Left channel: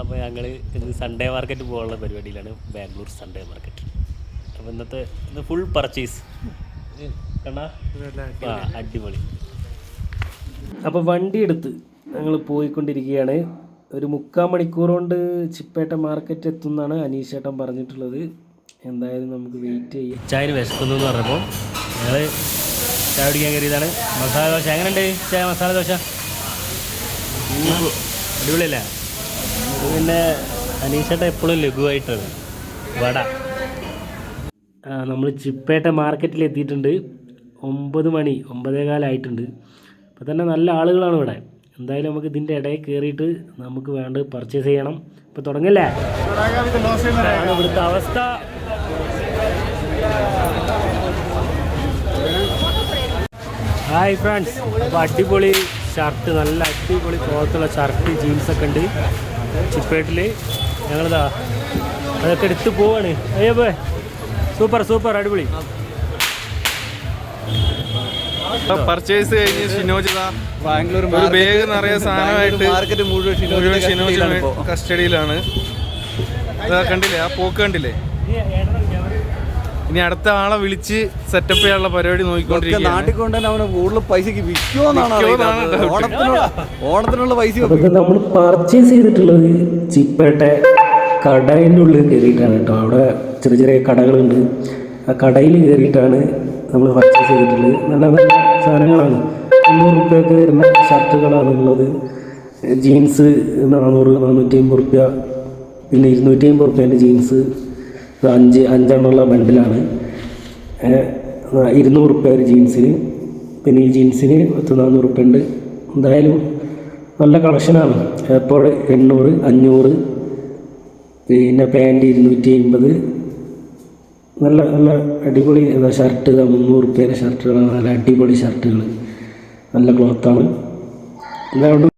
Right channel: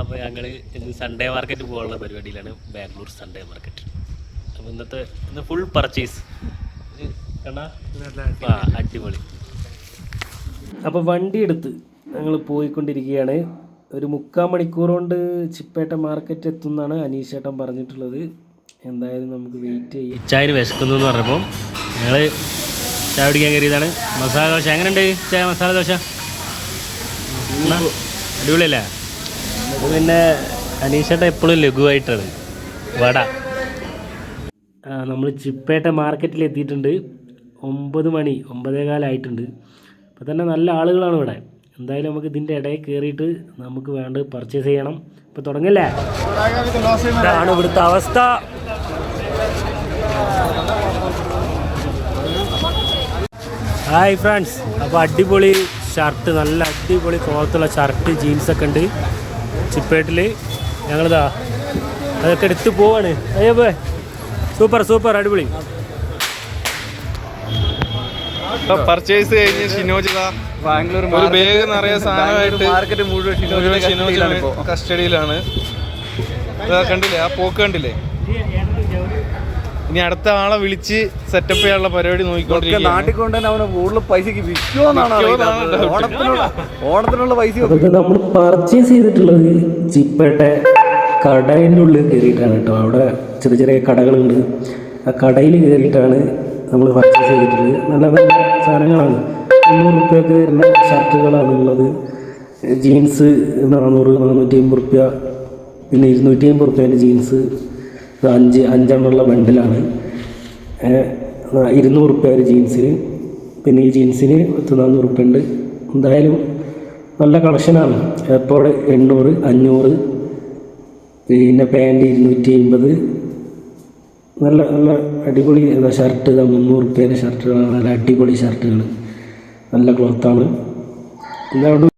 അപ്പോൾ ഞങ്ങൾ ഇന്ന് സൺഡേ മാർക്കറ്റ് പോകാനുള്ള പരിപാടിയിലാണ്. Bangalore Sunday market. അപ്പോൾ ഇന്ന് ഫുൾ പർച്ചേസ് കണ്ടാ അടിപൊളി. അപ്പോൾ വണ്ടി എടുത്ത് ഞങ്ങൾ പോയിക്കൊണ്ടിരിക്കുകയാണ്. ഒരു 3/4 മണിക്കൂർ കൊണ്ട് ചിപ്പേട്ട മാർക്കറ്റ് എത്തുമെന്നാണ് അനീഷേട്ടൻ പറഞ്ഞിട്ടുള്ളത്. എന്തായാലും നമുക്ക് വെയിറ്റ് ചെയ്യാം. ചായന് വിശക്കുന്നു എന്ന് പറഞ്ഞപ്പോൾ ഞങ്ങൾ ചായ പിടിക്കാൻ കയറിയതാണ്. മസാല ദോശ എങ്ങനെയുണ്ട് ചായ? മസാല ദോശ അടിപൊളിയല്ലേ? പിന്നെ അനീഷേട്ടൻ എപ്പോഴും ലഘുവായിട്ടാണ് വട. നമ്മൾ ചിപ്പേട്ട മാർക്കറ്റിൽ എത്തിയിട്ടുണ്ട്. 9 മണി 9:15 ആയിട്ടുണ്ട്. അപ്പോൾ തന്നെ നല്ല ആളുകളാണ് ഇവിടെ. എന്തായാലും നമുക്ക് ഇതിൻ്റെ ഇടയിൽ കയറിയിട്ട് നമുക്ക് വേണ്ടത് പർച്ചേസ് ചെയ്യണം. ഇപ്പോൾ തുടങ്ങല്ലേ? ആണ് ഇവിടുത്തെ അവസ്ഥ. ഹായ് ഫ്രണ്ട്സ്, അപ്പോൾ അടിപൊളി ഷർട്ട്, നല്ല അടിപൊളി ക്ലോത്തുള്ള ഷർട്ട്, ജീൻസൊക്കെ ഉണ്ട് ചിപ്പേട്ടിൽ. ഞങ്ങളിതാ അതൊക്കെ എടുത്ത് പോവാണ്. അയ്യോ പോയി, സൂപ്പർ സൂപ്പർ അടിപൊളി. പർച്ചേസ് കഴിഞ്ഞ് ഷിനോജിത ബാംഗ്ലൂർ ഒരു ബാഗ് നിറയെ സാധനമായിട്ട് മാർക്കറ്റ് മുഴുവൻ ഷിനോജിലാണ് കസ്റ്റഡിയിലാണ്. കണ്ടില്ലേ ആ പോക്ക് കണ്ടില്ലേ? ഇനി അടുത്ത ആളെ വിളിച്ച് സെറ്റപ്പ് ചെയ്യാനുള്ള പരിപാടി നോക്കിക്കൊണ്ടിരിക്കുകയാണ്. നാട്ടിൽ കൊണ്ടുതന്നെ അവന് കൂടുതൽ പൈസക്ക് വിൽക്കുമെന്നാണ് ഓണത്തിനുള്ള പൈസ. നമ്മൾ പർച്ചേസ് ചെയ്തിട്ടുള്ളത് ചിപ്പേട്ട കടയിൻ്റെ ഉള്ളിൽ കയറിയിട്ടാണ് കേട്ടോ. അവിടെ ചെറിയ ചെറിയ കടകളുണ്ട്. ആ കടയിൽ കയറിയിട്ടാണ് നമ്മൾ പർച്ചേസ് ചെയ്തിട്ടുള്ളത്. നല്ല നല്ല സാധനങ്ങളാണ്. 300 രൂപയൊക്കെ നല്ല ഷർട്ടുകളാണ് ഉള്ളത്. ജീൻസ് 400-450 രൂപ, പിന്നെ 250 രൂപേൻ്റെ ജീൻസ് 5 ബണ്ടിലാണ്. 200 രൂപയാണ് ജീൻസിന്. പിന്നെ ഈ ജീൻസിന് 400 രൂപ ഉണ്ട്. എന്തായാലും നല്ല കളക്ഷനാണ്. ഏർപ്പോടെ 800, 500, പിന്നെ പാൻറ്റ് 280. നല്ല നല്ല അടിപൊളി ഷർട്ട് 300 രൂപയുടെ ഷർട്ടുകളാണ്. നല്ല അടിപൊളി ഷർട്ടുകൾ, നല്ല ക്ലോത്താണ്. എല്ലാവരും